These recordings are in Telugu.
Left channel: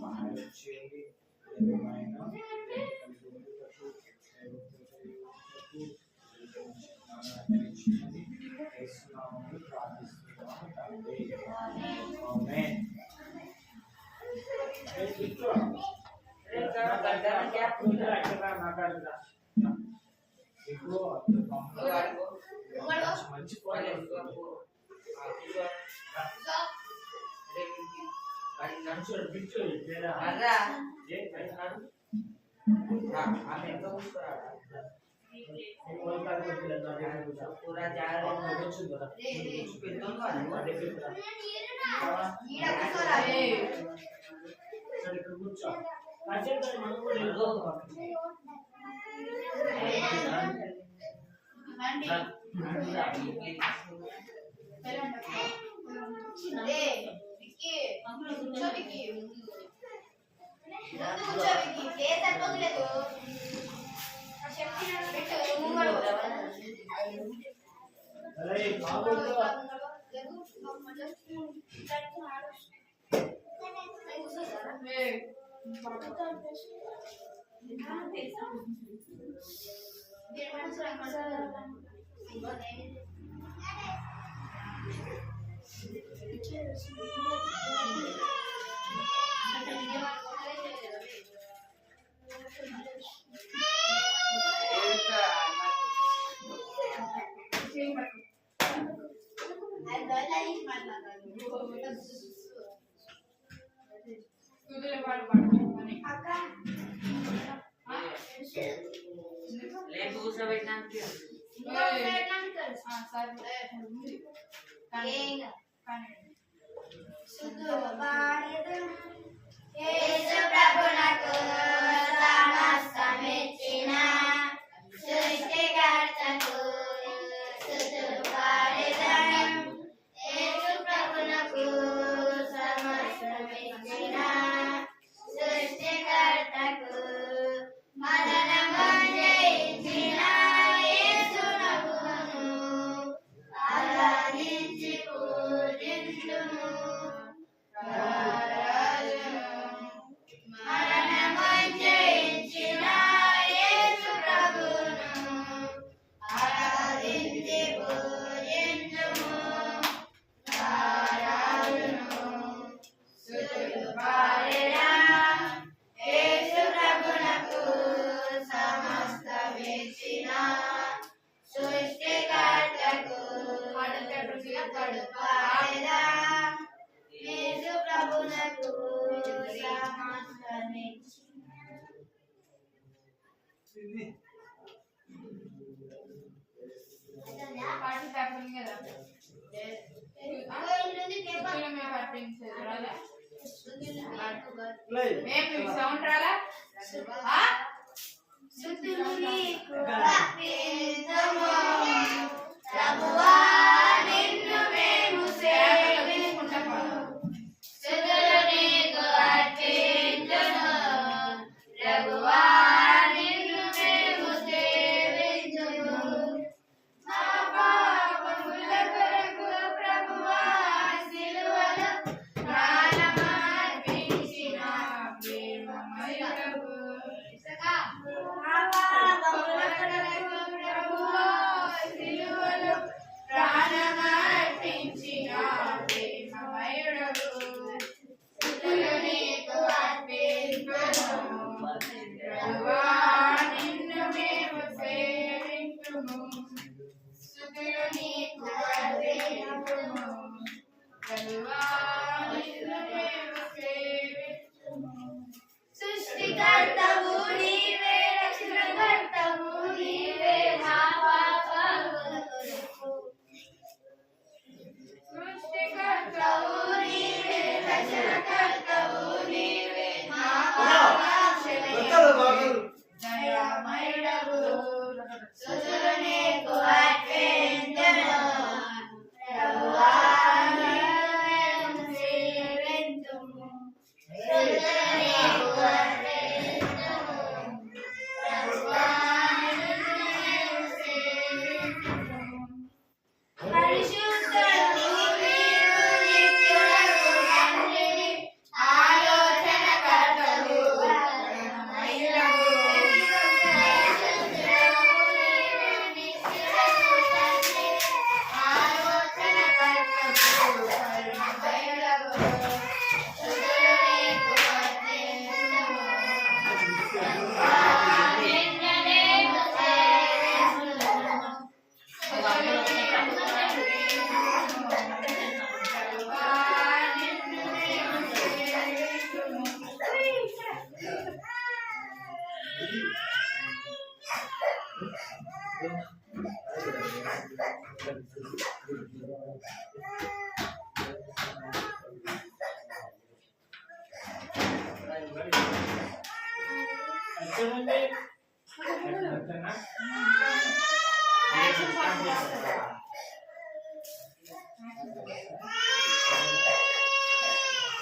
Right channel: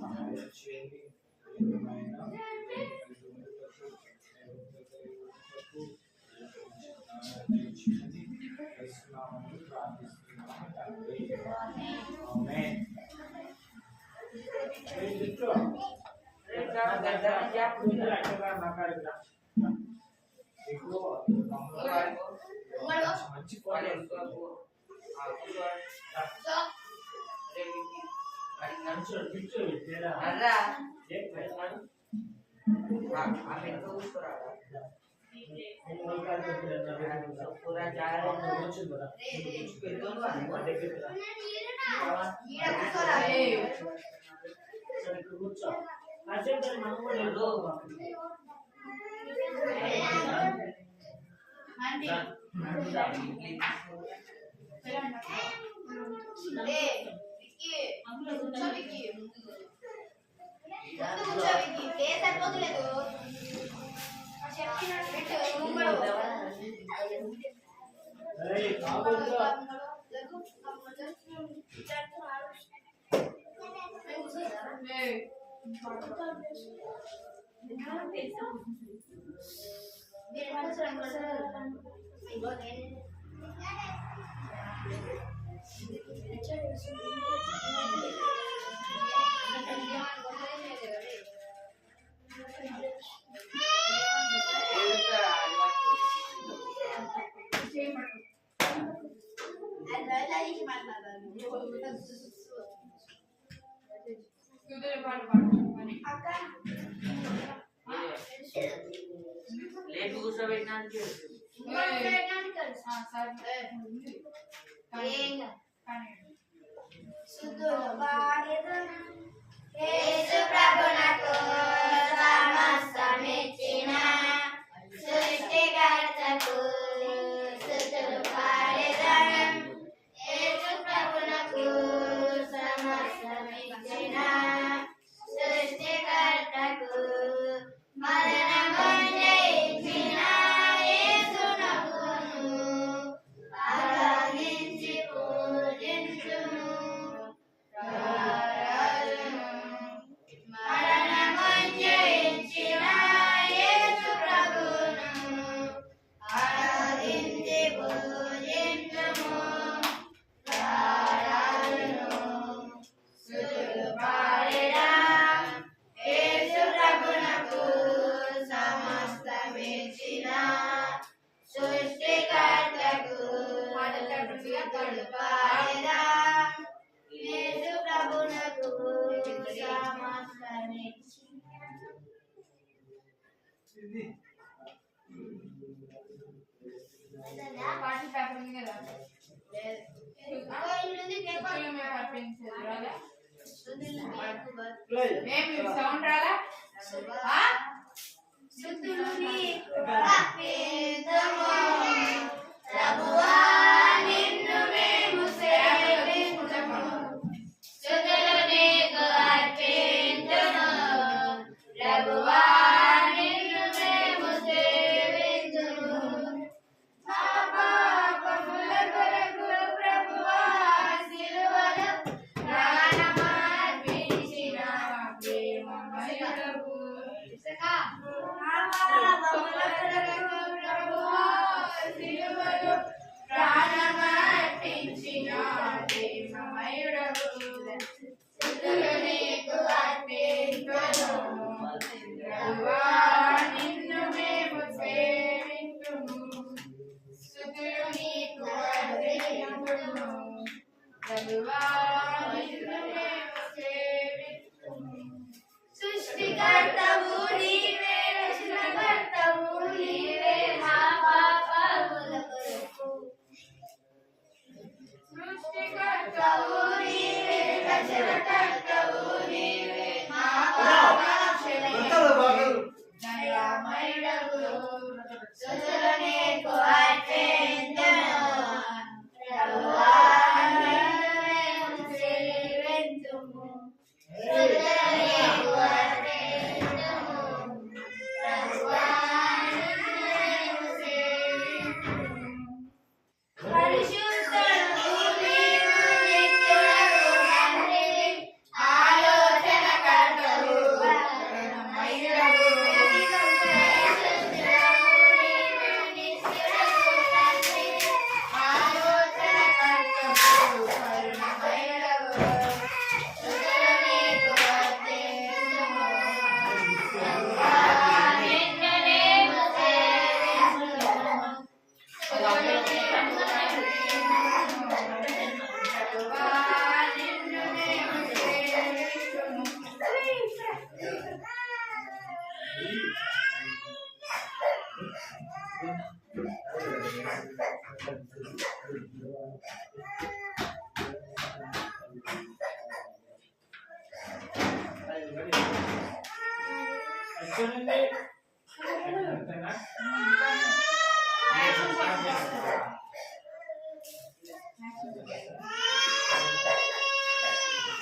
సహాయం చేయండి. ఏమైనా ప్రార్థిస్తున్నాము తండ్రి. ఆమేన్. మంచి पूरा जा रहा है సౌండ్ రాలా Sudah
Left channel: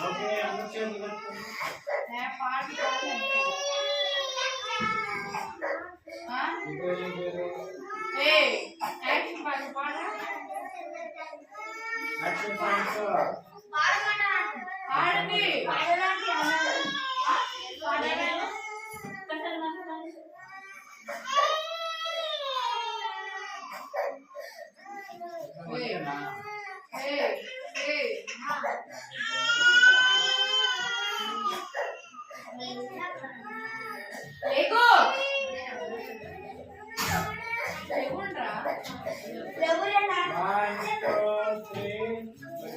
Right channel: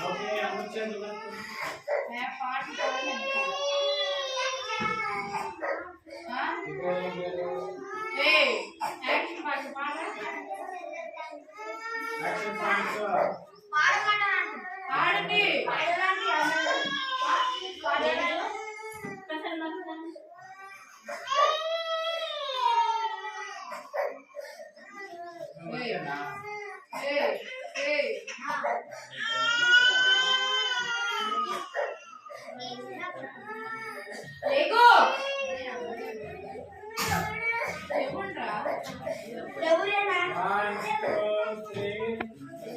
ఓకే అందరూ చేతులు కట్టుకోండి. ఇంకో ఏం పేరు? Action points. ఆడండి ఓకేనా? లేకు లేకుండ్రా 1 2 3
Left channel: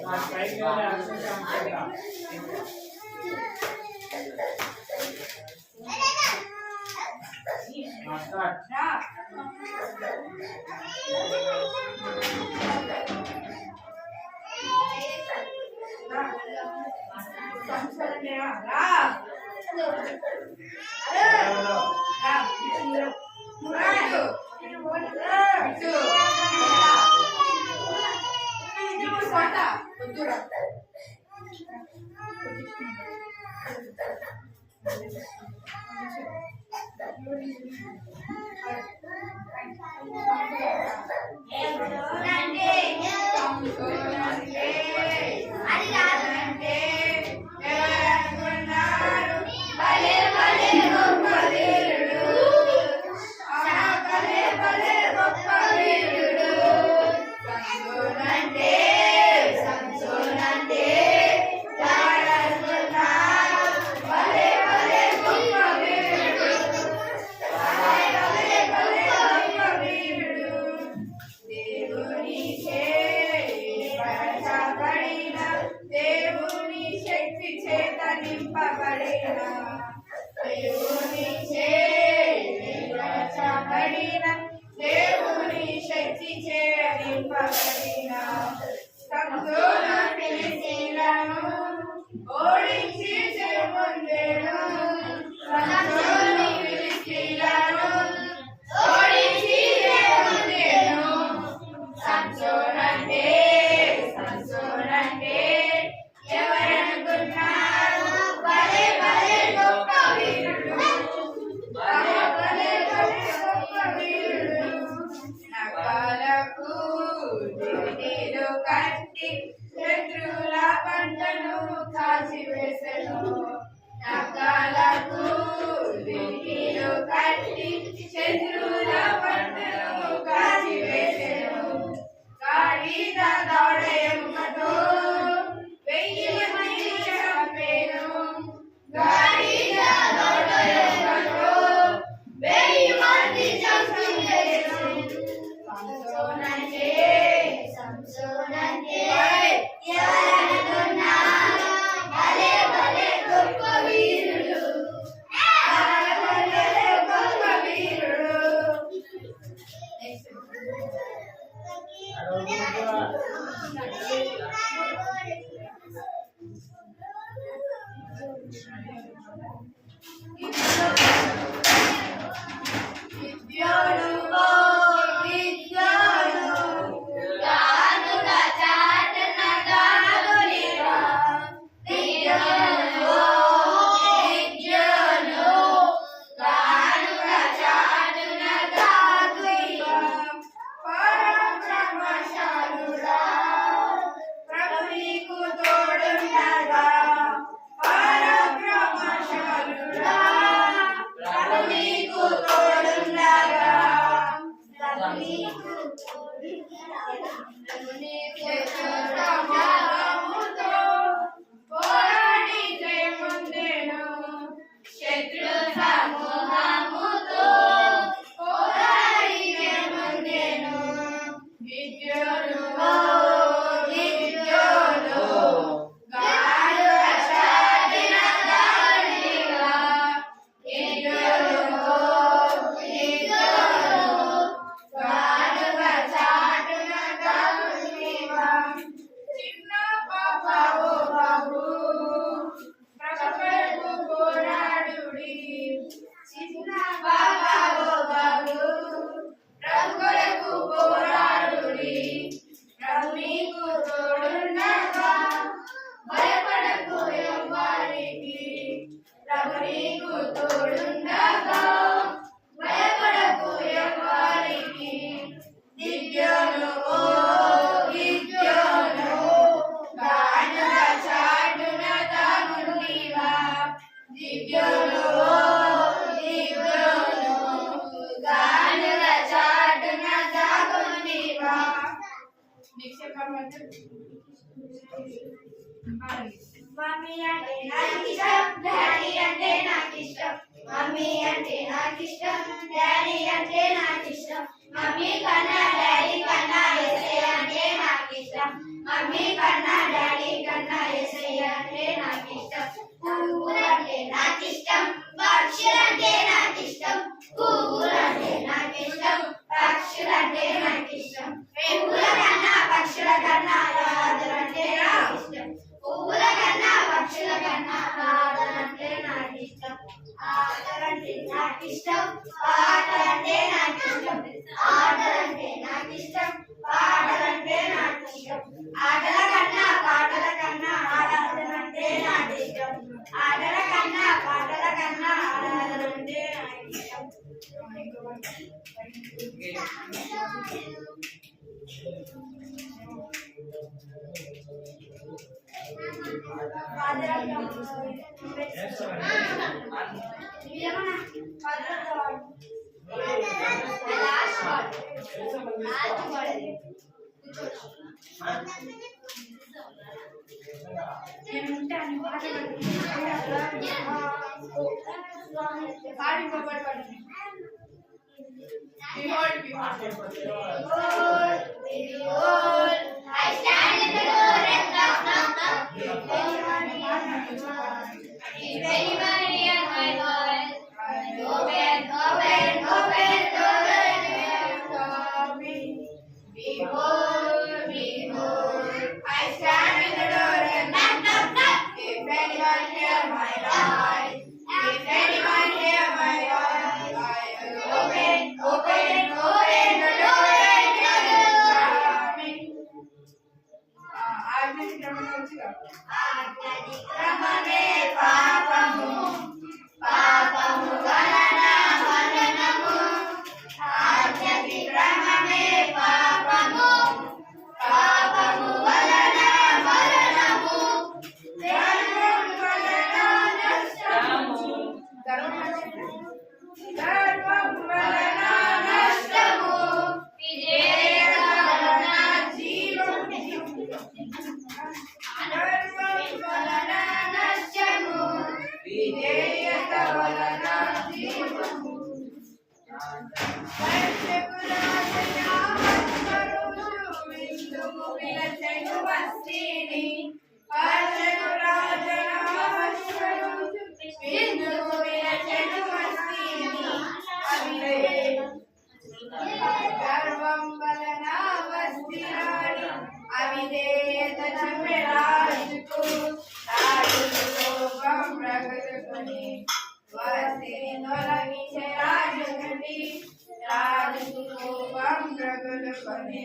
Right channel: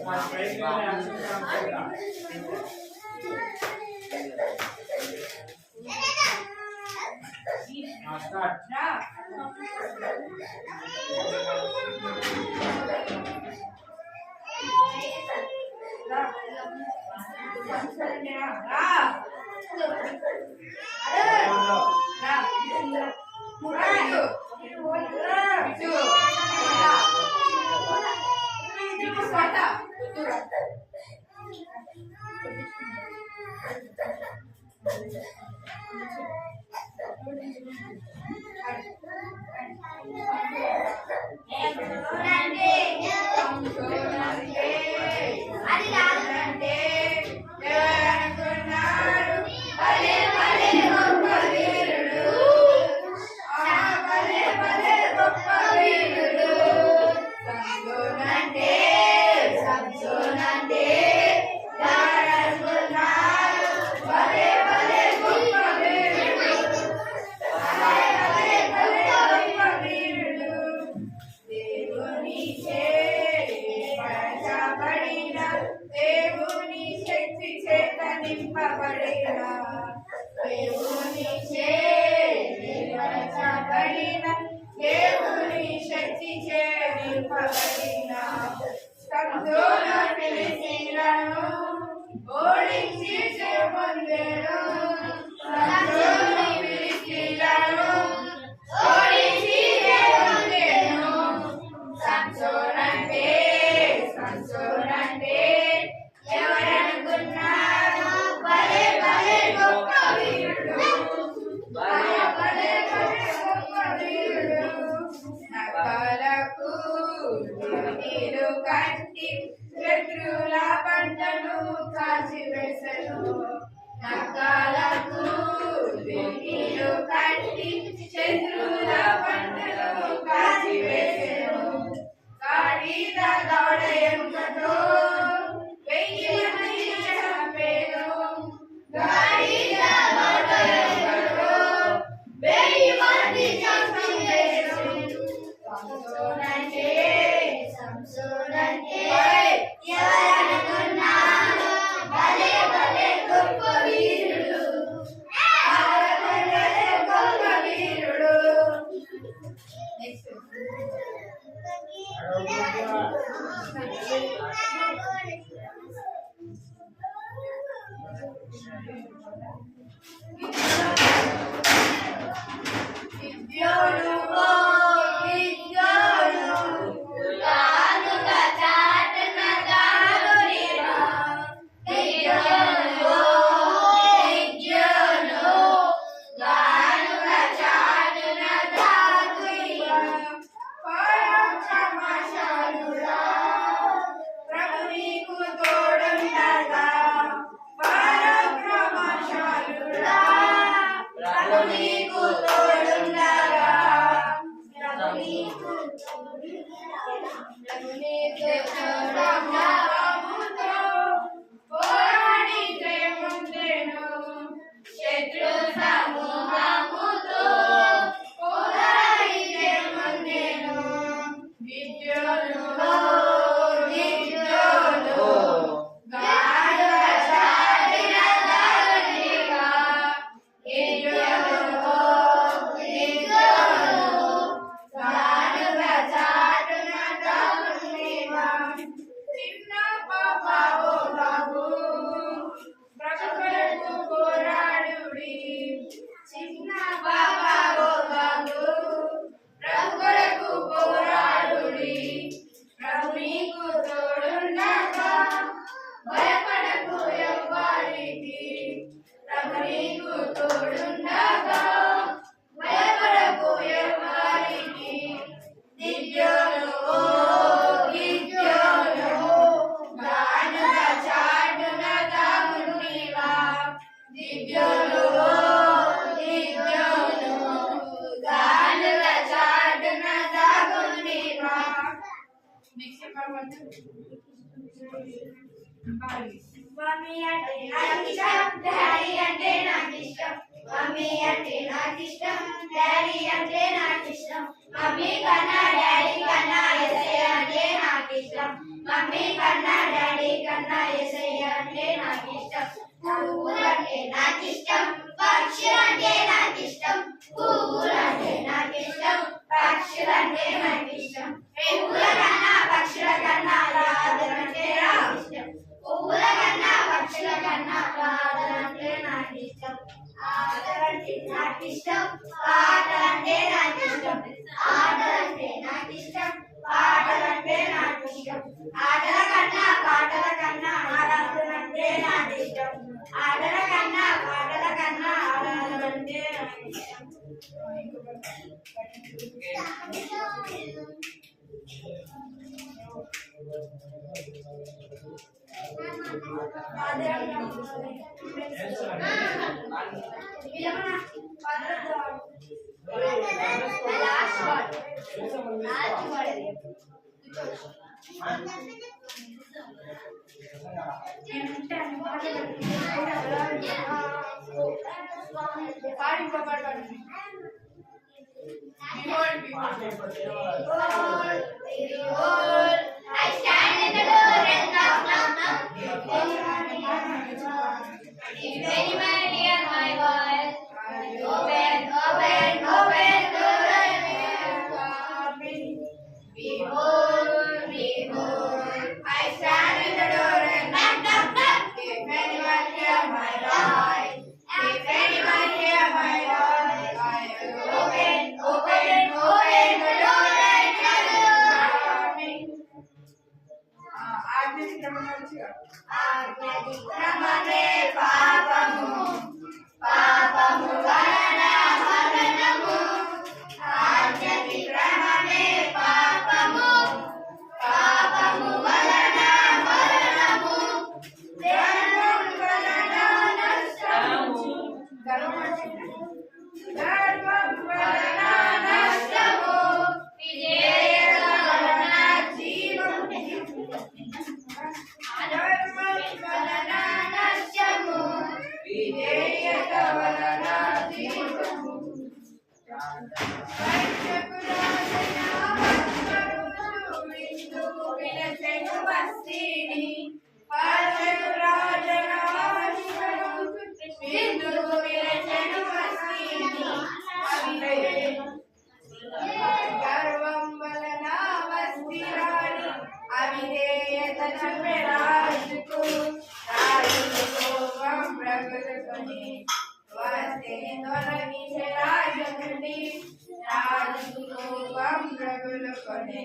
ఆ స్ట్రైక్ లో యాక్షన్ కాన్సెప్ట్. స్టార్ట్. రా దేవుని శక్తి చేరింపబడిన సంతోష ఫిలిస్తీయులను ఓడించి పొందెను. సంతోష ఫిలిస్తీయులను ఓడించి పొందెను. సంతోషంటే ఎవరనుకున్నారు? భలే భలే గొప్ప వీరుడు. నగలకు దివిటీలు కట్టి శత్రువుల పంటను కాల్చివేసెను. నగలకు దివిటీలు కట్టి శత్రువుల పంటను కాల్చివేసెను. గాడిద దౌడ ఎముకతో 1000 మందిని చంపెను. గాడిద దౌడ ఎముకతో 1000 మంది చంపెను. సంసోనంటే ఎవరనుకున్నారు? భలే భలే గొప్ప వీరుడు. భలే గొప్ప వీరుడు. చెప్పమంటే మమ్మీ అంటే నాకు ఇష్టం డాడీ అంటే నాకు ఇష్టం మమ్మీ అంటే నాకు ఇష్టం డాడీ అంటే నాకు ఇష్టం మమ్మీ కన్నా డాడీ కన్నా యేసయ్య అంటే నాకు ఇష్టం మమ్మీ కన్నా డాడీ కన్నా యేసయ్య అంటే నాకు ఇష్టం పువ్వులంటే నాకు ఇష్టం పక్షులంటే నాకు ఇష్టం పువ్వులంటే నాకు ఇష్టం పక్షులంటే నాకు ఇష్టం పువ్వుల కన్నా పక్షుల కన్నా రాజులంటే నాకు ఇష్టం పువ్వుల కన్నా పక్షుల కన్నా రాజులంటే నాకు ఇష్టం ఆటలంటే నాకు ఇష్టం పాటలంటే నాకు ఇష్టం ఆటలంటే నాకు ఇష్టం పాటలంటే నాకు ఇష్టం ఆటల కన్నా పాటల కన్నా ఆరాధనంటే నాకు ఇష్టం ఆటల కన్నా పాటల కన్నా ఆరాధనంటే నాకు ఇష్టం I stand in the door and knock, knock, knock. If anyone hear my voice, open, open, open, open. Behold, behold, I stand in the door and knock, knock, knock. If anyone hear my voice, if anyone hear my voice, I will open, open, open the door and come in. ఆజ్ఞాతిక్రమమే పాపము పాపము వలన మరణము ఆజ్ఞాతిక్రమమే పాపము పాపము వలన మరణము ధర్మం వలన నష్టము ధర్మం వలన నష్టము విజేత వలన జీవము ధర్మం వలన నష్టము విజేత వలన జీవము విందుకు విలచెను వస్తిని విందుకు విలచెను వస్తిని గర్వం వలన వస్తిరాని అవిధేయత చూపె రాజుకు రాజుకు కోపం ప్రగలుకొని వస్తిని తొలగించే రాజు నుండి రాజుకు కోపం ప్రగలుకొని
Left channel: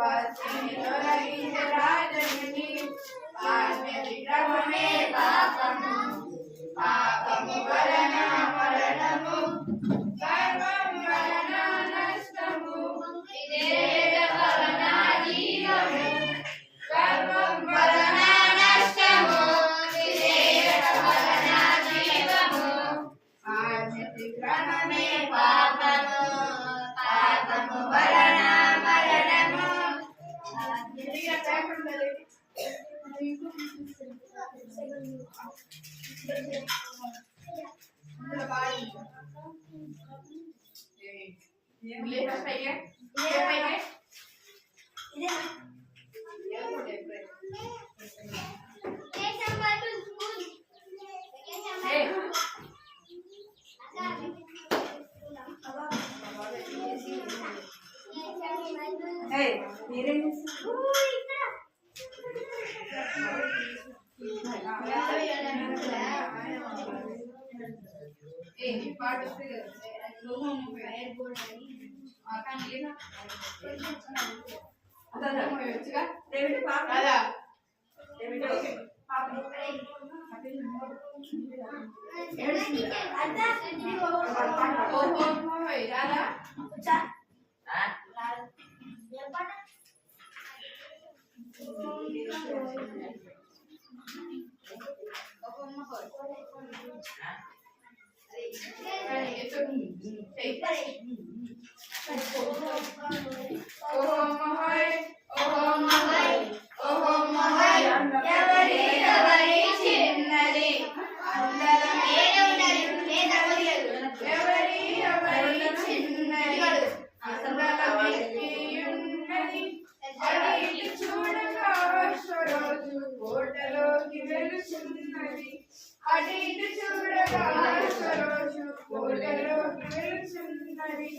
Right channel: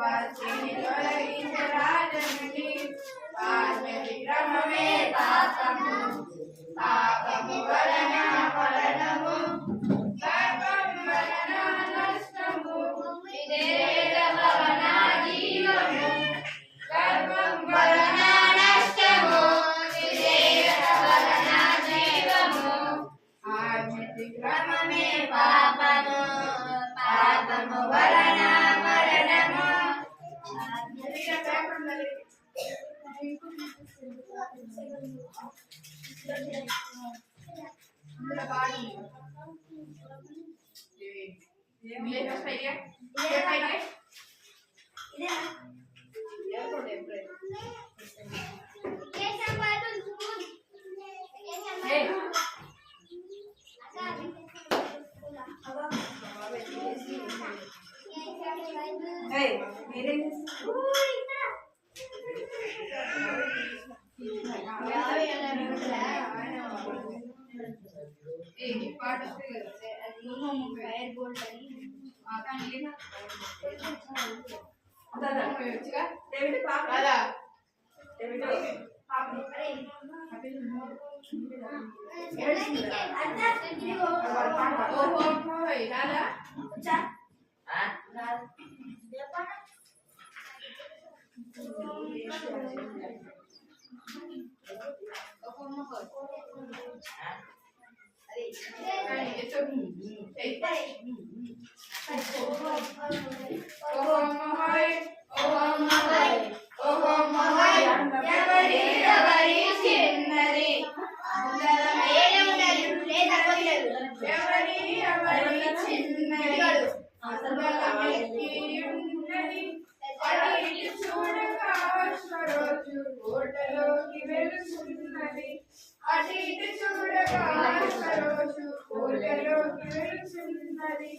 వస్తిని తొలగించే రాజు నుండి ఆజ్ఞ విక్రమమే పాపము పాపము వలన మరణము గర్వం వలన నష్టము విధేయత వలన జీవము గర్వం వలన నష్టము విధేయత వలన జీవము ఆజ్ఞాతిక్రమమే పాపము పాపము వలన మరణము Oh, అటు ఇటు చూడగా సరోజు కోటలోకి వెలుచున్నది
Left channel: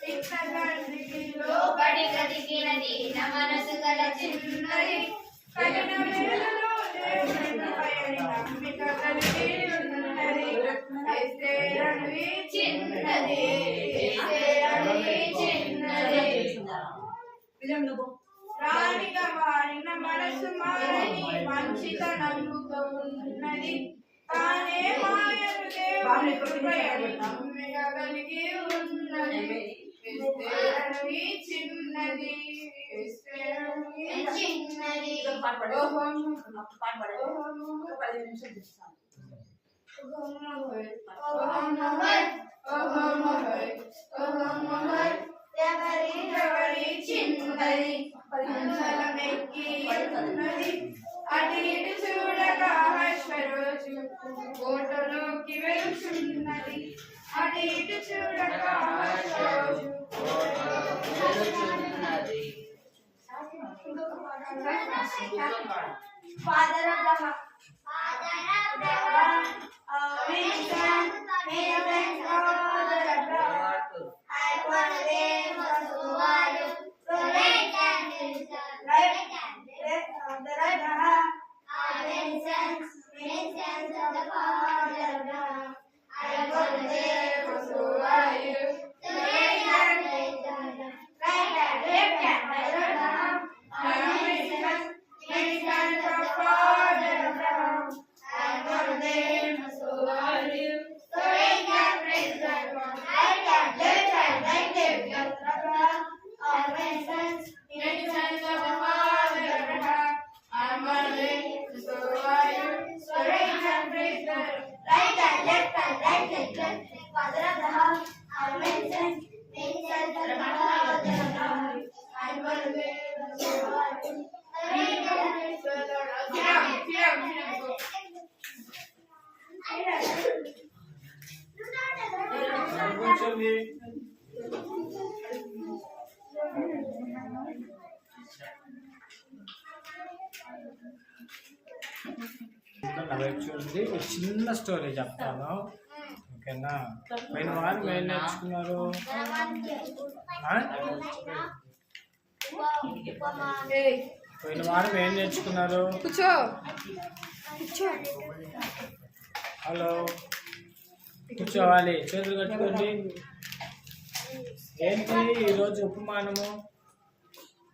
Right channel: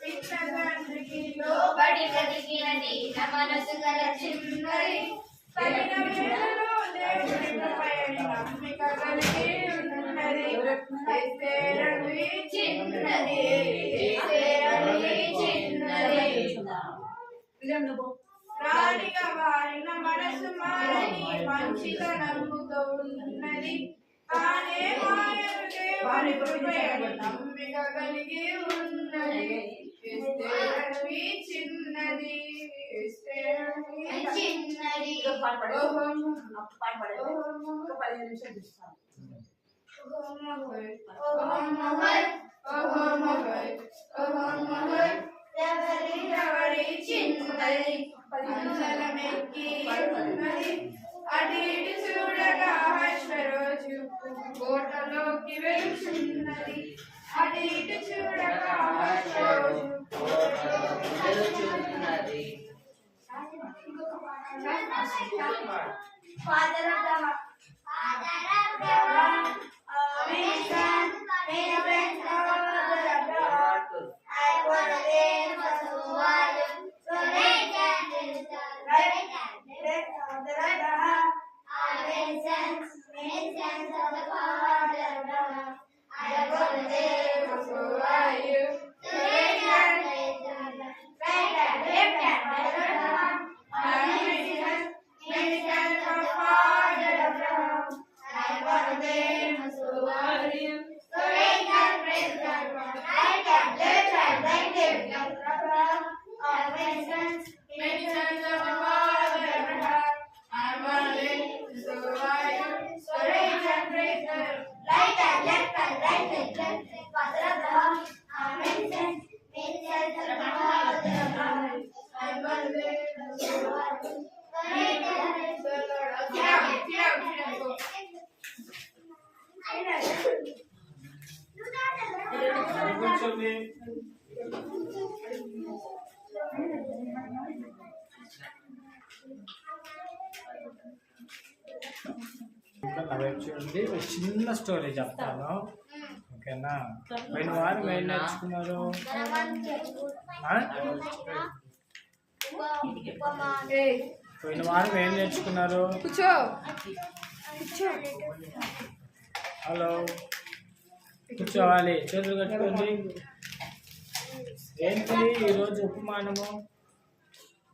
పిట్ట తండ్రికి లోబడి బ్రతికినది నా మనసు గల చిన్నది కఠిన వేళలో దేవుని కృపయని నమ్మిక కలిగి ఉన్నది ఎస్తేరని చిన్నది ఎస్తేరని చిన్నది రాణిగా మారిన మనసు మారని మంచితనముతో ఉన్నది తానే మాయను దేవుని కృపయని నమ్మిక కలిగి ఉన్నది ఎస్తేరని చిన్నది ఎస్తేరని చిన్నది ఎవరి చిన్నది పంచలమెక్కి ఉన్నది అటు ఇటు చూడగా సరోజు కోటలోకి వెలుచున్నది అటు ఇటు చూడగా Saroju Father of the house. నా వైపు చూడండి ఒక చిన్న స్టోరీ చెప్తాను ఓకేనా పోయిన వారం ఏం నేర్చుకున్నారు పోయిన వారం ఏం నేర్చుకున్నారు హలో కూర్చోవాలి చేతులు కట్టుకోండి ఏంటి ఈరోజు ఉపమానము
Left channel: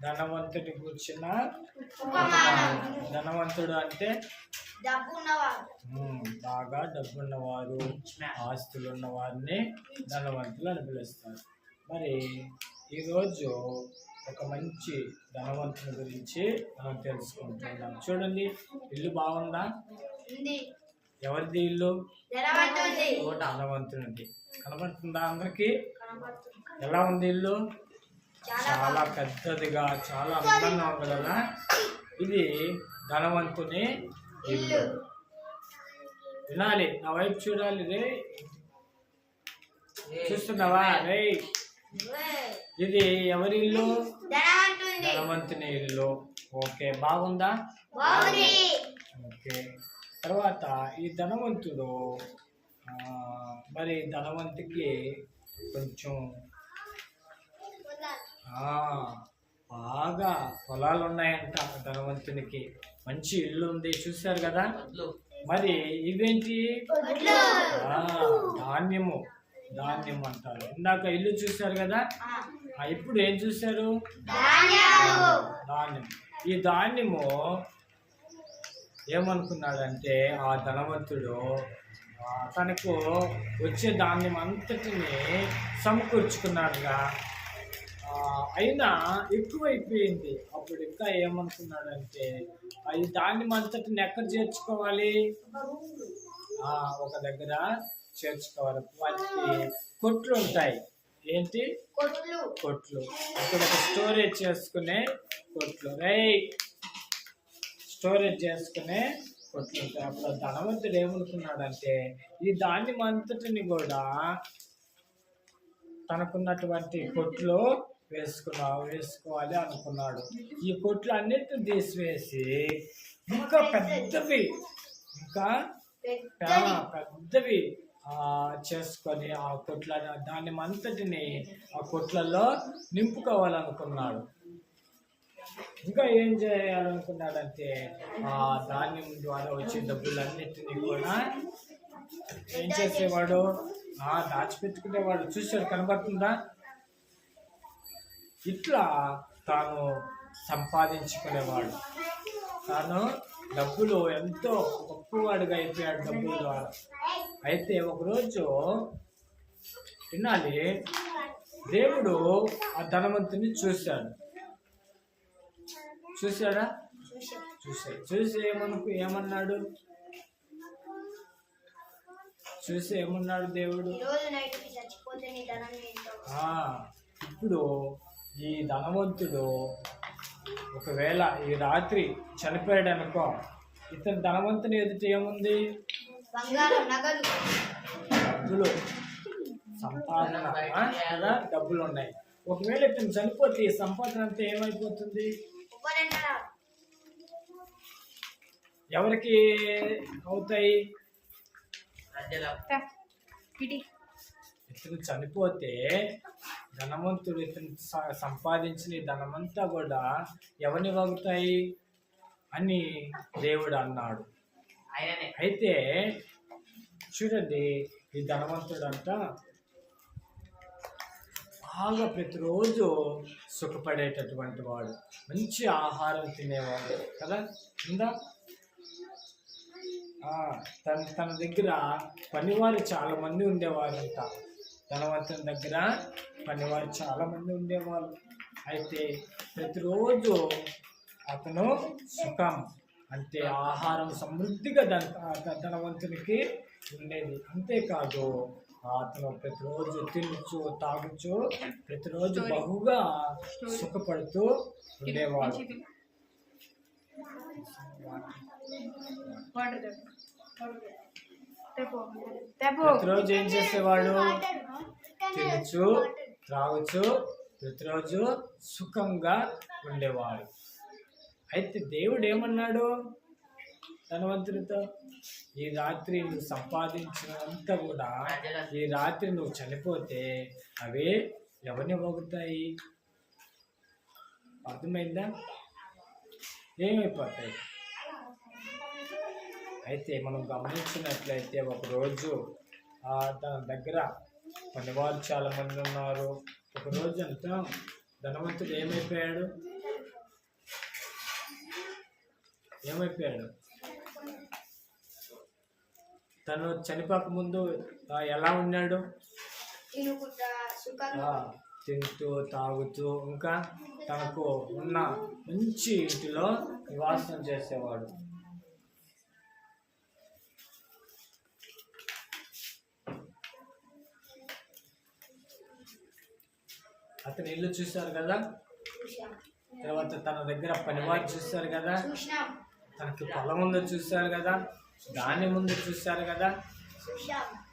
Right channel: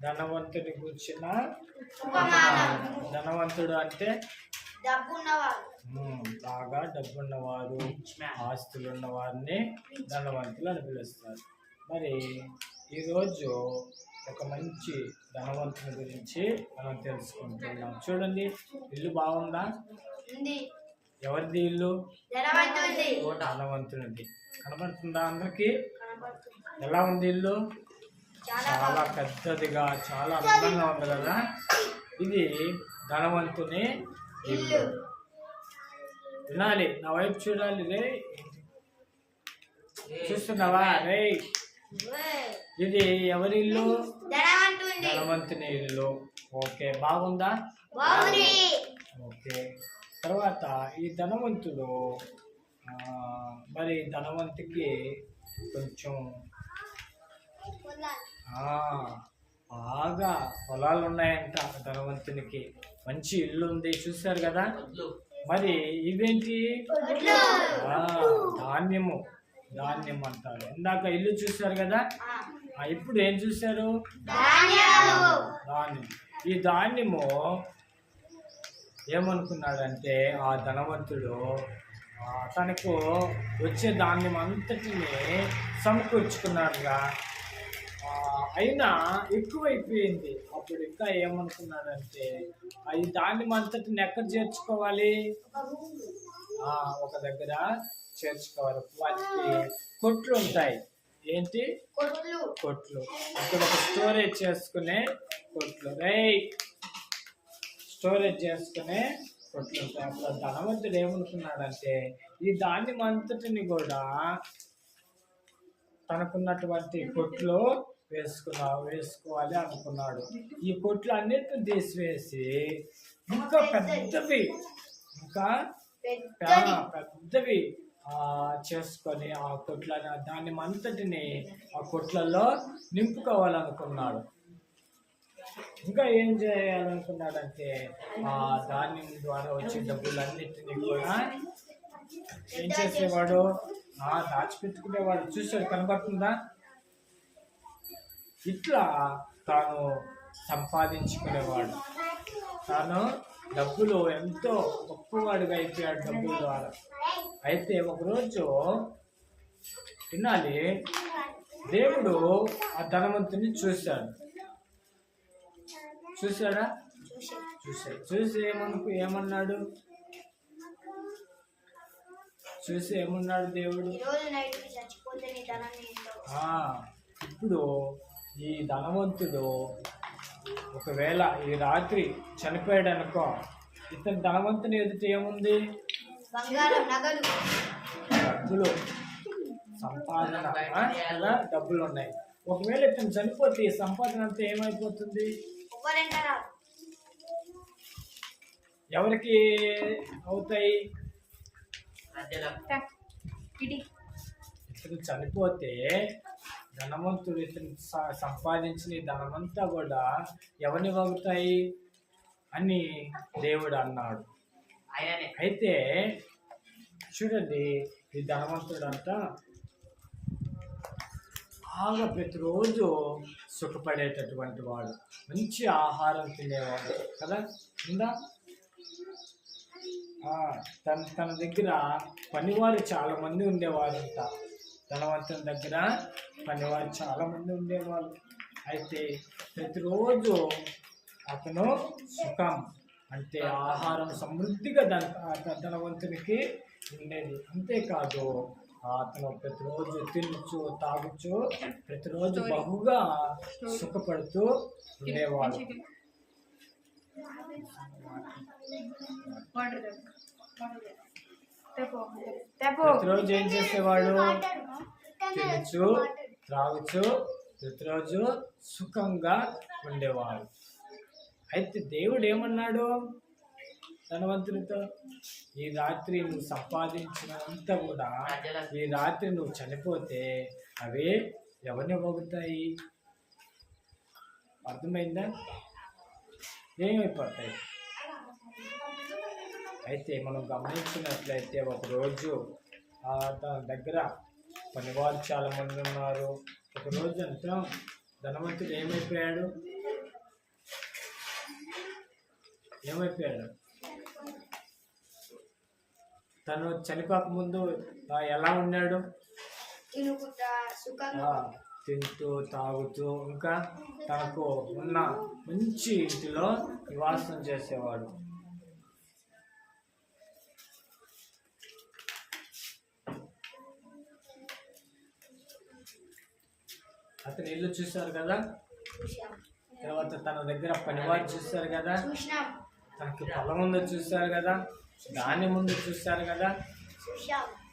ధనవంతుడి కూర్చున్న ధనవంతుడు అంటే బాగా డబ్బున్నవారు ఆస్తులు ఉన్న వారిని ధనవంతులు అని పిలుస్తారు. మరి ఈరోజు ఒక మంచి ధనవంతుని గురించి మనం తెలుసుకుంటున్నాం. చూడండి, ఇల్లు బాగుందా? ఎవరిది ఇల్లు? ధనవంతునిది. కనబడుతుందా అందరికి? ఎలా ఉంది ఇల్లు? చాలా పెద్దదిగా, చాలా అందంగా ఉంది కదా. ఇది ధనవంతుని ఇల్లు. వినాలి, నా వైపు చూడాలి. రే చూస్తున్నావా? రే ఇది ఎవరి ఇల్లు? ధనవంతుని ఇల్లు. ఓకే, బాగుందా? ఓకే. తర్వాత ఈ ధనవంతుడు మరి ధనవంతుకి కొంచెం బాగా పొలాలు ఉన్నాయంట. ధనవంతునికి మంచి ఇల్లు ఉంది, చూశారు కదా. మరి ఇవేంటి? ధాన్యము. ధాన్యం అంటారు. ఇందాక ఇల్లు చూశారు కదా, ఇప్పుడు ఏం చూశారు? ధాన్యం. ఈ ధాన్యము ఏమనుకున్నాడంటే ఆ ధనవంతుడు తనకు వచ్చే ధాన్యం అంతటిని సమకూర్చుకున్నాడుగా. అయినా ఎక్కువైపోయింది. అప్పుడు ఇంకా ఏమనుకున్నాడంటే ఈ ధాన్యం అంతటిని ఎక్కడ చేర్చుకోవాలి? ఒక దగ్గర చేర్చుకోవాలి. వాటికి కొట్లు ఉంటాయి. ఏంటి కొట్లు? ఇక్కడ ఒక స్టోరేజ్ చేసుకునే కొట్లు. స్టోరేజ్ చేసుకునే కొట్లు ఉంటాయి. అప్పుడు ధనవంతుడు ఏమనుకున్నాడంటే ఈ ధాన్యం అంతటిని కూడా తనకున్నటువంటి కొట్లు వేసుకోవాలి అనుకున్నాడు. ఈ కొట్లు అన్నిటిని తీసివేసి ఇంకా పెద్దవి చేసుకొని ఆ కొట్ల ధాన్యం అంతటిని ఆ కొట్లలో నింపుకోవాలనుకున్నాడు. ఇంకా ఏం చేయాలనుకున్నాడంటే ఆ ధాన్యం ద్వారా వచ్చే డబ్బులన్నిటినీ కూడా ఏం చేసేవాడు, దాచిపెట్టుకునేవాడు. చూసాడు, కనబడుతుందా? ఇట్లా తాను సంపాదించుకునేవాడు. తాను డబ్బులు ఎంతో గొప్పవాడుగా అయిపోయాడు డబ్బుల ద్వారా. అయితే ఒకరోజు వినాలి, దేవుడు ఆ ధనవంతుని చూశాడా? చూసి ఏమన్నాడు? దేవుడు? ఇప్పుడు ఈ ధనవంతుడు ఒకవేళ ఈ రాత్రి చనిపోయాడు అనుకో, ఇతని ధనవంతుని ఎదుట ఏముంది? డబ్బులు, సంపాదన కదా, డబ్బులు ఉన్నాయి. ఒకవేళ ఇతను చనిపోతే ఈ సంపాదన అంతా ఏమైపోతుంది? ఎవరికి అవుతాయి? ఇతను చనిపోతే ధనవంతుడు ఇతను సంపాదించిన ధనమంతా కూడా ఎవరిని వాగుతాయి అని దేవుడు అన్నాడు. అయితే చూడండి, ఈ ధనవంతుడంతా బాగా ప్రతిరోజు సుఖపడేటటువంటి వాడు, మంచి ఆహారం తినేవాడు కదా. ఉందా? తన దగ్గర పనివారు చాలా మంది ఉండేవారంట. ధనవంతుని దగ్గర పనివారు చాలా మంది ఉండేవారు. అయితే ప్రతిరోజు అతను సుఖం అంటే ఆహారం సమృద్ధిగా ధనవంతునికి ఉండేది. అంతేకాదు, అతను ప్రతిరోజు తినచ్చు, తాగొచ్చు, ప్రతిరోజు బహుగా సుఖపడుతూ ఉండేవాడు. ప్రతిరోజు ఏం చేసేవాడు? తినచ్చు, త్రాగచ్చు, ప్రతిరోజు సుఖంగా ఉండేవాడు. అయితే దేవుడు ఏమన్నాడు ధనవంతునితో? ఈ రాత్రి నువ్వు సంపాదించినంతా కూడా ఈ రాత్రి నువ్వు చనిపోతే అవే ఎవరిని పోగుతాయి? అర్థమైందా? ఏమైపోతాయి? అయితే మనం గమనించినట్లయితే ఒకరోజు తన దగ్గర పనివారు చాలా మంది ఉన్నారు. ఒకరోజు అంతా ధనవంతుడు ఏమైపోయాడు? తను చనిపోక ముందు ఎలా ఉన్నాడు? తింటూ, తాగుతూ, ఇంకా తనకు ఉన్న మంచి ఇంటిలో నివాసం చేసేవాడు. అతని ఇల్లు చూశారు కదా, తర్వాత తన దగ్గర పనివారు చూశారు కదా, తనకి పొలం ఉందో చూశారు కదా, ధాన్యం ముందు చూశారు కదా.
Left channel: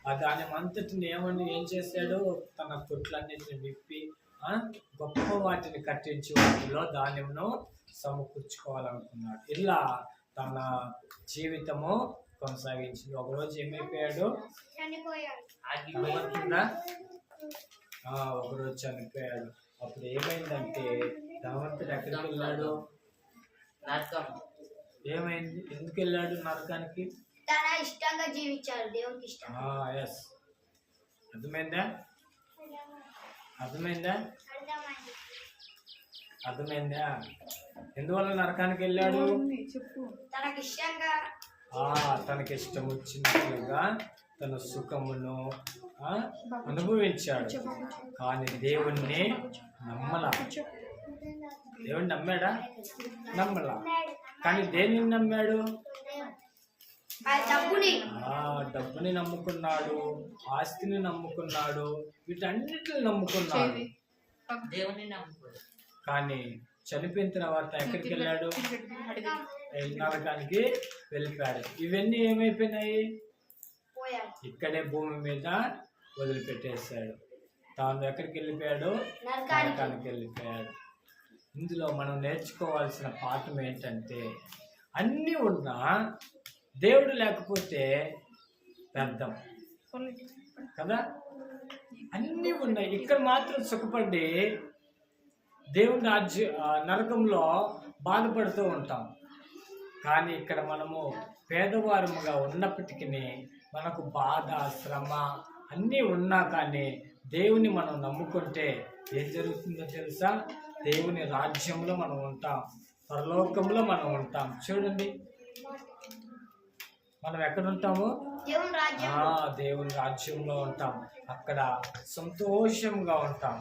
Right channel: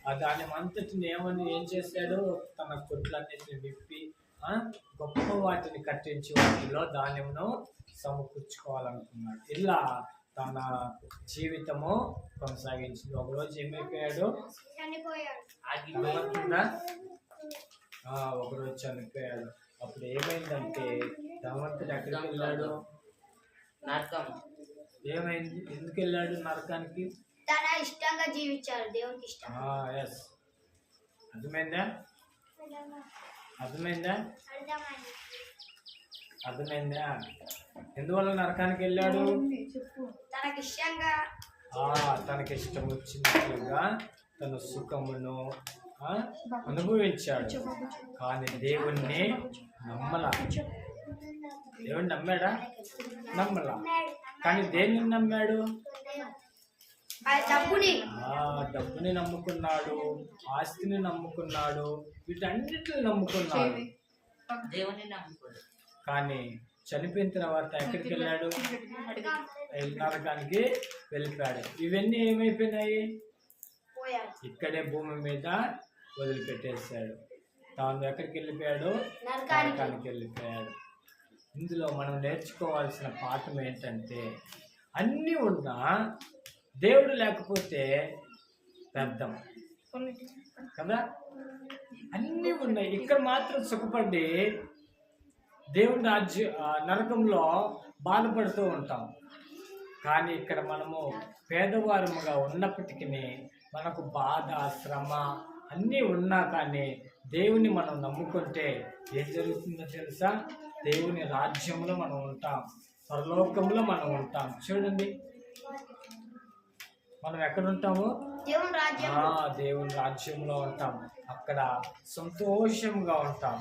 ఆ ధాన్యం అంతటిని ఏం చేశాడు? తన కొట్లన్నిటిని విప్పి గొప్ప వాటిని కట్టించి వాటిలో ధాన్యమును సమకూర్చుకోవాలనుకున్నాడు. ఇలా తన జీవితము కొనసాగించింది. ఒకరోజు ఏమైపోయాడు? ఒకరోజు చనిపోయాడు. అప్పుడు ఏమైందంటే ధనవంతుడు ఎక్కడికి వెళ్ళాడు? నరకం. ఏమైంది? ఎందుకు వెళ్ళాడు నరకానికి? తన ఇష్టంగా జీవించాడు, దేవునికి ఇష్టం. ఎస్, అర్థమైందా? ఎందువల్ల నరకానికి వెళ్ళాడు? తనకి ఇష్టం వచ్చినట్లుగా తన సుఖమును అనుభవించాడు. కానీ దేవుణ్ణి నమ్మలా. దేవుణ్ణి నమ్మాడా? నమ్మలా. కానీ దేనిని నమ్మాడు? డబ్బుని నమ్ముకున్నాడు, ఆస్తిని నమ్ముకున్నాడు, వీటన్నిటిని నమ్ముకున్నాడు. దేవుని నమ్ముకున్నాడు. కానీ చనిపోయిన తర్వాత ఎక్కడికి వెళ్ళాడు? నరకానికి వెళ్ళిపోయాడు. ఇవన్నీ ఏమైపోయినాయి? ఇక్కడే భూమి మీద వదిలిపెట్టేశాడు. తాను ఎక్కడికి వెళ్ళిపోయాడు? నరకానికి వెళ్ళిపోయాడు. ఇందులో మనం నేర్చుకోవాల్సిన పాఠం ఏంటంటే, అన్నీ ఉన్నా దేవుడు లేకపోతే వ్యర్థం కదా. అన్నీ ఉన్నాయి. ఇక్కడ మాత్రం సుఖపడి దేవుని నరకంలో బాధపడుతూ ఉంటాం. కానీ ఇక్కడ మనము పేదవారముగా ఉన్నప్పటికీ మనకు బాధ, శ్రమ అన్నీ ఉన్నా కానీ దేవుని మనం నమ్ముకుంటే ఏం జరుగుతుందో తెలుసా? దేవుని రాజ్యంలో మనం ఉంటాం, పరలోకంలో మనం ఉంటాం. చూడండి, మనం ఎక్కడ ఉంటాము? దేవుని రాజ్యంలో ఉంటాం. అక్కడ సంతోషంగా ఉంటాం,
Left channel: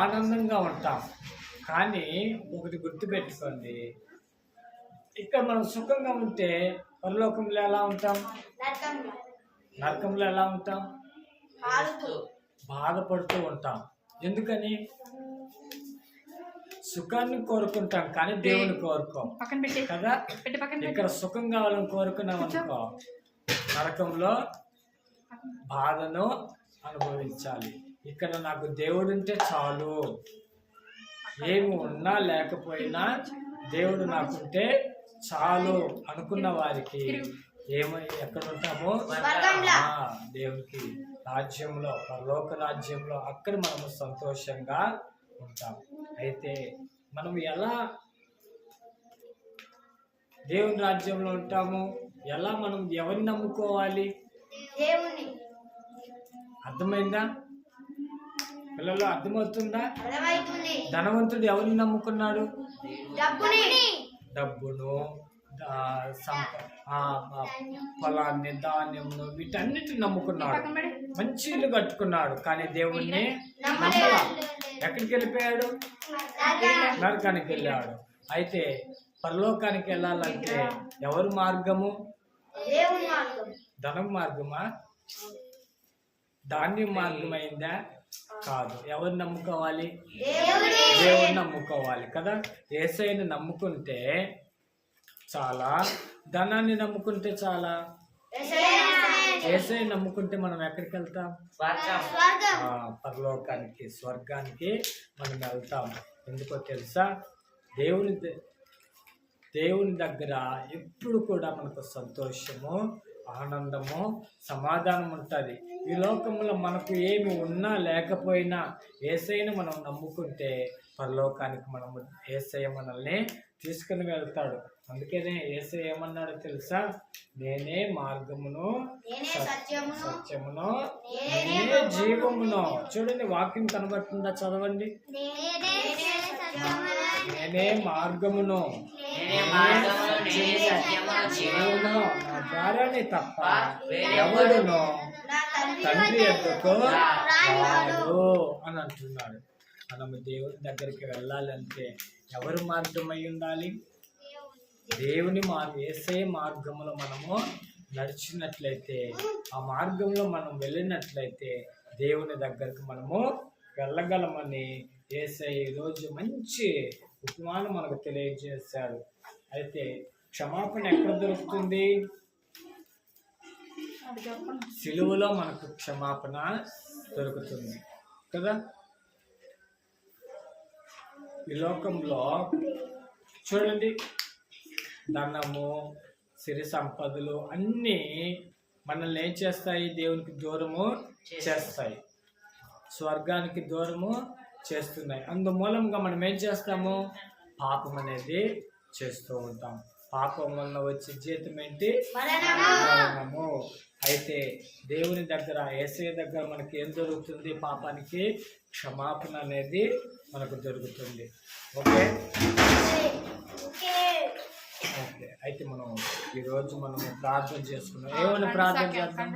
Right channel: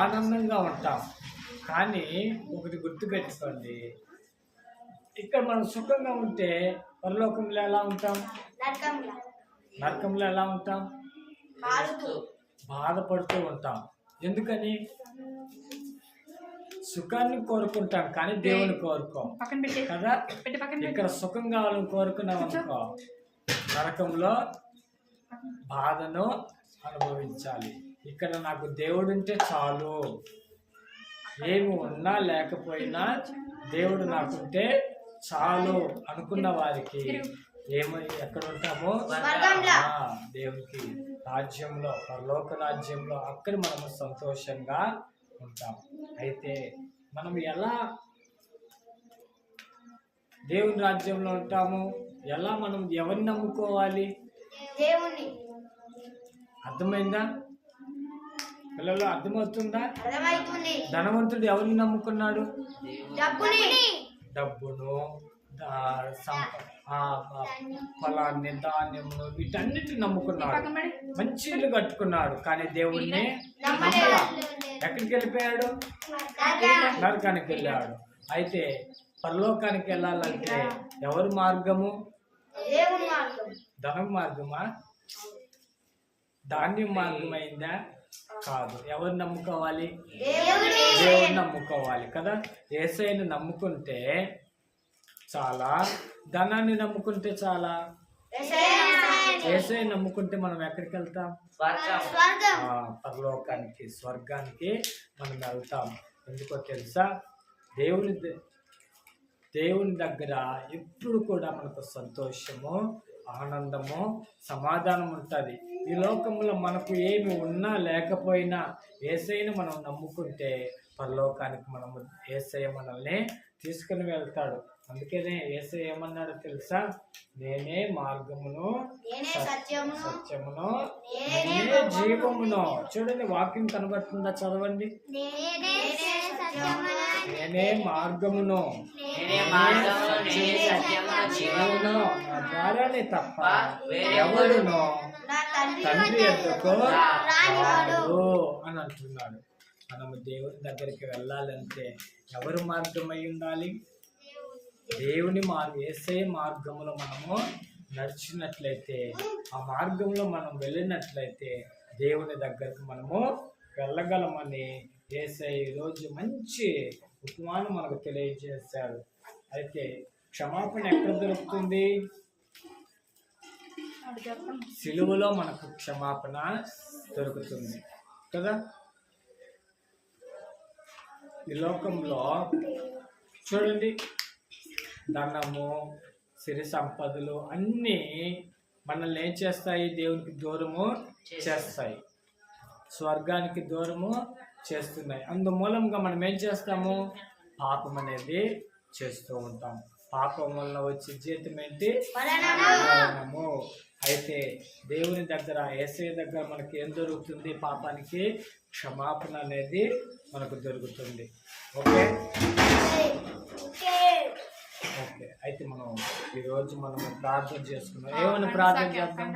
ఆనందంగా ఉంటాం. కానీ ఒకటి గుర్తుపెట్టుకోండి, ఇక్కడ మనం సుఖంగా ఉంటే పరలోకంలో ఎలా ఉంటాం? నరకంలో ఎలా ఉంటాం? బాధపడుతూ ఉంటాం. ఎందుకని? సుఖాన్ని కోరుకుంటాం కానీ దేవుని కోరుకోం కదా. ఇక్కడ సుఖం కావాలని కోరుకున్నాం అనుకో, నరకంలో బాధను అనుభవించాలి. ఇక్కడ నాకు దేవుడు ఉంటే చాలు, ఏమి ఉన్నా లేకపోయినా దేవుడు నాకుంటే చాలు అనుకున్న వారికి ఎక్కడ ఉంటామో దేవునికి రాజ్యంలో, పరలోక రాజ్యంలో, అక్కడ మనము సంతోషంగా ఉంటాం. అయితే మనం ఎలా దేవుని రాజ్యంలో ఉంటాము? ఎలా మనం ఎవరిని నమ్ముకోవాలి? దేవుని. అర్థమైందా పిల్లలు? అర్థమవుతుందా? అర్థమవుతుంది. ధనవంతుడు ఎవరిని నమ్ముకున్నాడు? డబ్బును, ఫలాన్ని, ధాన్యమును, వీటన్నిటిని నమ్ముకున్నాడు. మంచి ఇల్లు కట్టుకున్నాడు కానీ దేవుణ్ణి నమ్మలా. ఎక్కడికి వెళ్ళిపోయాడు? నరకానికి వెళ్ళాడు. అయితే పరలోకానికి వెళ్ళాలంటే ఎవరి మార్గము? ధనం మార్గమా? ధాన్యం మార్గం అయిందా? కాదు. ఎవరు నమ్ముకోవాలి? దేవుడిని నమ్ముకోవాలి కదా. యేసయ్యను నమ్ముకుంటే చాలా, ధనాన్ని నమ్ముకుంటే చాలా. యేసయ్యను నమ్ముకుంటే మనం ఎక్కడికి వెళ్తాం? పరలోకానికి, స్వర్గానికి మనం వెళ్తాం. ఎందుకో తెలుసా? దేవుని దగ్గర ఎప్పుడు కూడా మనకు సంతోషము, ఆనందము, సమాధానం ఉంటుంది. ఈ లోకంలో మనకు ఏమి ఉన్నా లేకపోయినా యేసయ్యను మనం నమ్ముకుంటే పరలోకానికి మనము యేసయ్య మనల్ని తీసుకుని వెళ్తాడు. అందుకనే యేసయ్య ఏమన్నాడో తెలుసా? నేనే మార్గమును, సత్యమును, నేనే జీవమును. చూడండి, వాక్యం కనబడుతుందా? చదవండి. నేనే మార్గమును, జీవమును, నా ద్వారానే తప్ప ఎవడునో తండ్రి ఎద్దకు రాడు అని అంటున్నాడు. మనము దేవుని దగ్గరికి వెళ్ళాలంటే ఎవరు మార్గం అయి ఉండాలి? దేవుని యేసయ్య మార్గంలో మనము నడిచినట్లయితే, ఆ మార్గంలో మనం వెళ్ళినట్లయితే దేవుని దగ్గరకు మనము వెళ్ళగలమని యేసయ్య ఈరోజు మంచి ఉపమానం మనకు తెలియజేశాడు. అయితే క్షమాపణ ఎక్కడ దొరుకుతుంది? సిలువలో మనకు క్షమాపణ దొరుకుతుంది కదా. ఈ లోకంలో చూడండి, ధనము, సిరి సంపదలు అన్నీ మనల్ని ఏం చేస్తాయి? దేవునికి దూరము చేస్తాయి, స్వర్గానికి దూరము చేస్తున్నాయి. అందుమూలంగా మనం ఏం చేస్తాము? పాపం అనేది చేస్తూ ఉంటాం. పాపం వలన వచ్చే జీతం ఏంటి? మరణము. అయితే దేవుని దగ్గర, యేసయ్య దగ్గర మనకి ఏం దొరుకుతుంది? పాపానికి క్షమాపణ అనేది మనకు దొరుకుతుంది. ఓకే ఓకే అయితే మనం ఈరోజు మనము ప్రార్థన చేసుకున్నాం. ఏమైనా ప్రార్థన చేద్దాం.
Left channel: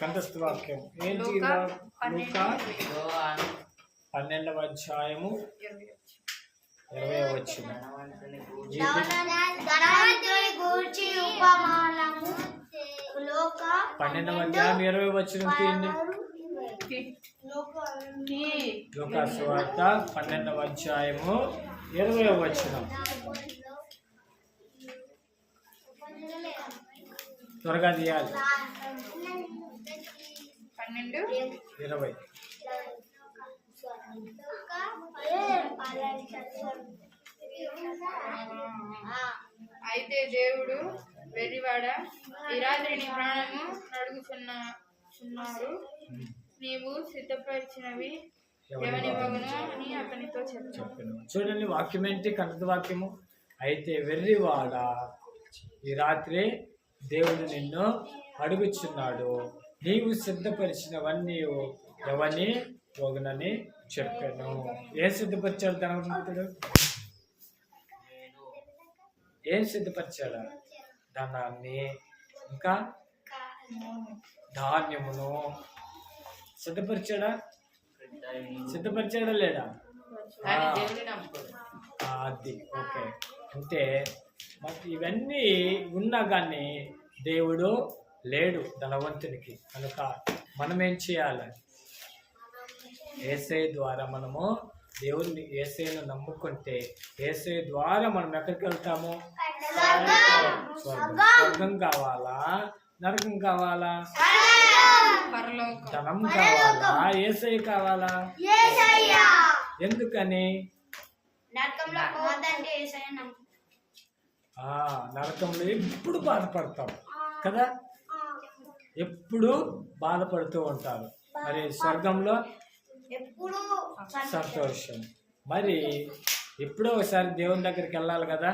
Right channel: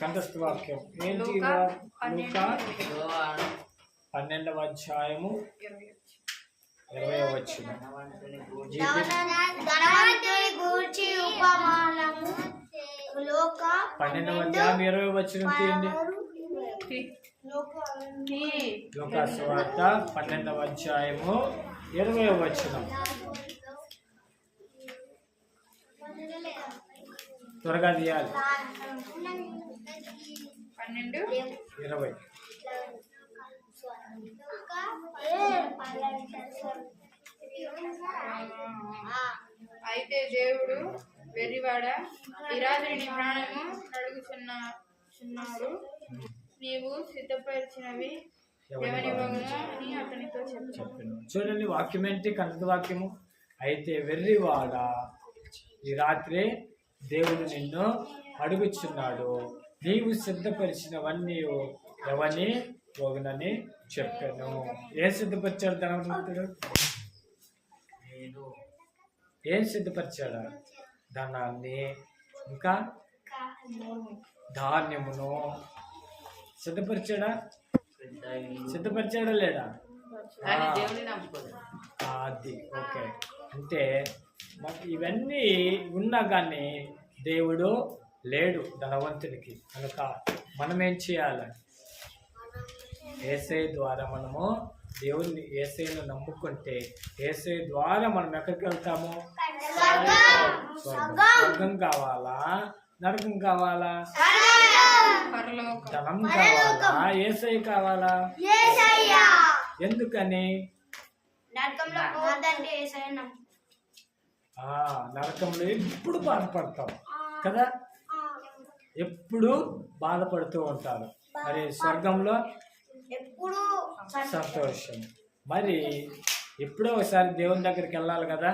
కంఠస్థ వాక్యం ఏంటి? లూకా 12వ అధ్యాయము 20వ వచనం. 12వ అధ్యాయం 20వ వచనం తీయండి. లూకా సువార్త 12వ అధ్యాయము 20వ వచనం. త్వరగా తీయాలి. 12:20. అయితే దేవుడు వెర్రివాడ, ఈ రాత్రి నీ ప్రాణము నడుగుచున్నారు. నీవు సిద్ధపరిచినవి ఎవనివ్వగను అని అతనితో చెప్పాను. చూడండి, వాక్యం ఏంటి? కన్నడ వాక్యము. అయితే వెర్రివాడ, ఈ రాత్రి దేవుడు నిన్ను అడుగుచున్నాడు, నీవు సిద్ధపరిచినవన్నీ ఎవని పోగునని చెప్పాను. ఏం సిద్ధపరిచాడు ధనవంతుడు? ఏం సిద్ధపరిచాడా? ధనాన్ని, ఇంకా ధాన్యమును సిద్ధపరిచాడా? సిద్ధపరిచాడా లేడా? కానీ దేవుని నమ్ముకోలేదు. అది ఓకే. అంటే మరి ఇవన్నీ ఉన్నా కానీ దేవుడు లేడు ధనవంతునికి. కనుక మనం ఏం చేయాలి? యేసయ్య ద్వారా మనము దేవుని యేసయ్యను నమ్ముకుంటే యేసయ్య ద్వారా మనం ఎక్కడికి వెళ్తాము? స్వర్గం కావాలా, నరకం కావాలా? ధనం కావాలా, యేసయ్య కావాలా? ఎందుకని? నరకంలో ఎప్పుడు బాధపడతాం కదా, ఎప్పుడు బాధపడుతూ ఉంటారు. మరి స్వర్గంలో సంతోషం. మరి ఎప్పుడో ఒకసారి దేవుని దగ్గరికి వెళ్ళాలి కదా.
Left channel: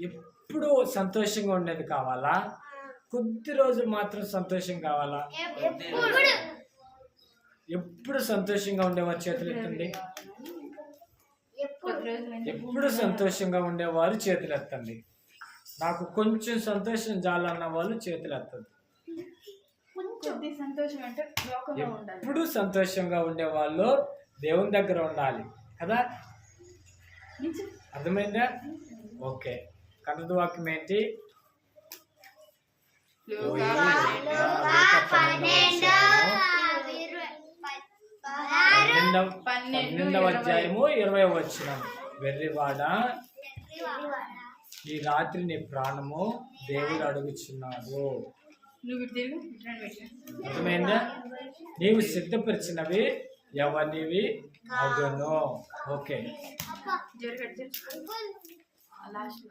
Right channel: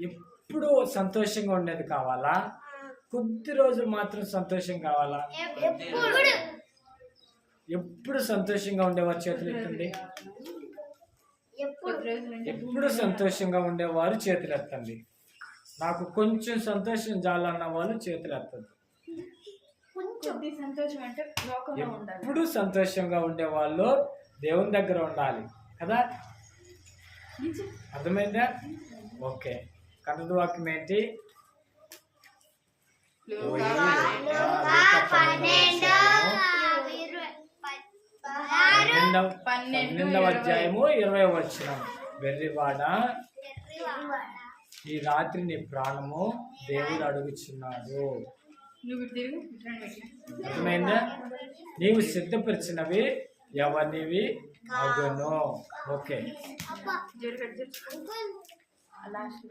ఎప్పుడు సంతోషంగా ఉండేది కావాలా, కొద్ది రోజులు మాత్రం సంతోషం కావాలా? ఎప్పుడు సంతోషంగా ఉండేవారు చేతులు ఎత్తండి. ఎప్పుడు సంతోషంగా ఉండేవారు చేతులు ఎత్తండి. నాకు కొంచెం సంతోషం చాలన్న వాళ్ళు చేతులు ఎత్తద్దు. ఎప్పుడు సంతోషంగా ఉండేవాళ్ళు దేవుని దగ్గర ఉండాలి కదా. అర్థమైందా? ఓకే. కన్నడ వాక్యం ఏంటి? పన్నెండవ అధ్యాయము 20వ వచనం. వెర్రివాడ, ఈ రాత్రి నీ ప్రాణము దేవుడు అడుగుచున్నాడు. అర్థమైందా? నీవు సిద్ధపరిచినవి ఎవరివి అగును. ఓకే. లాస్ట్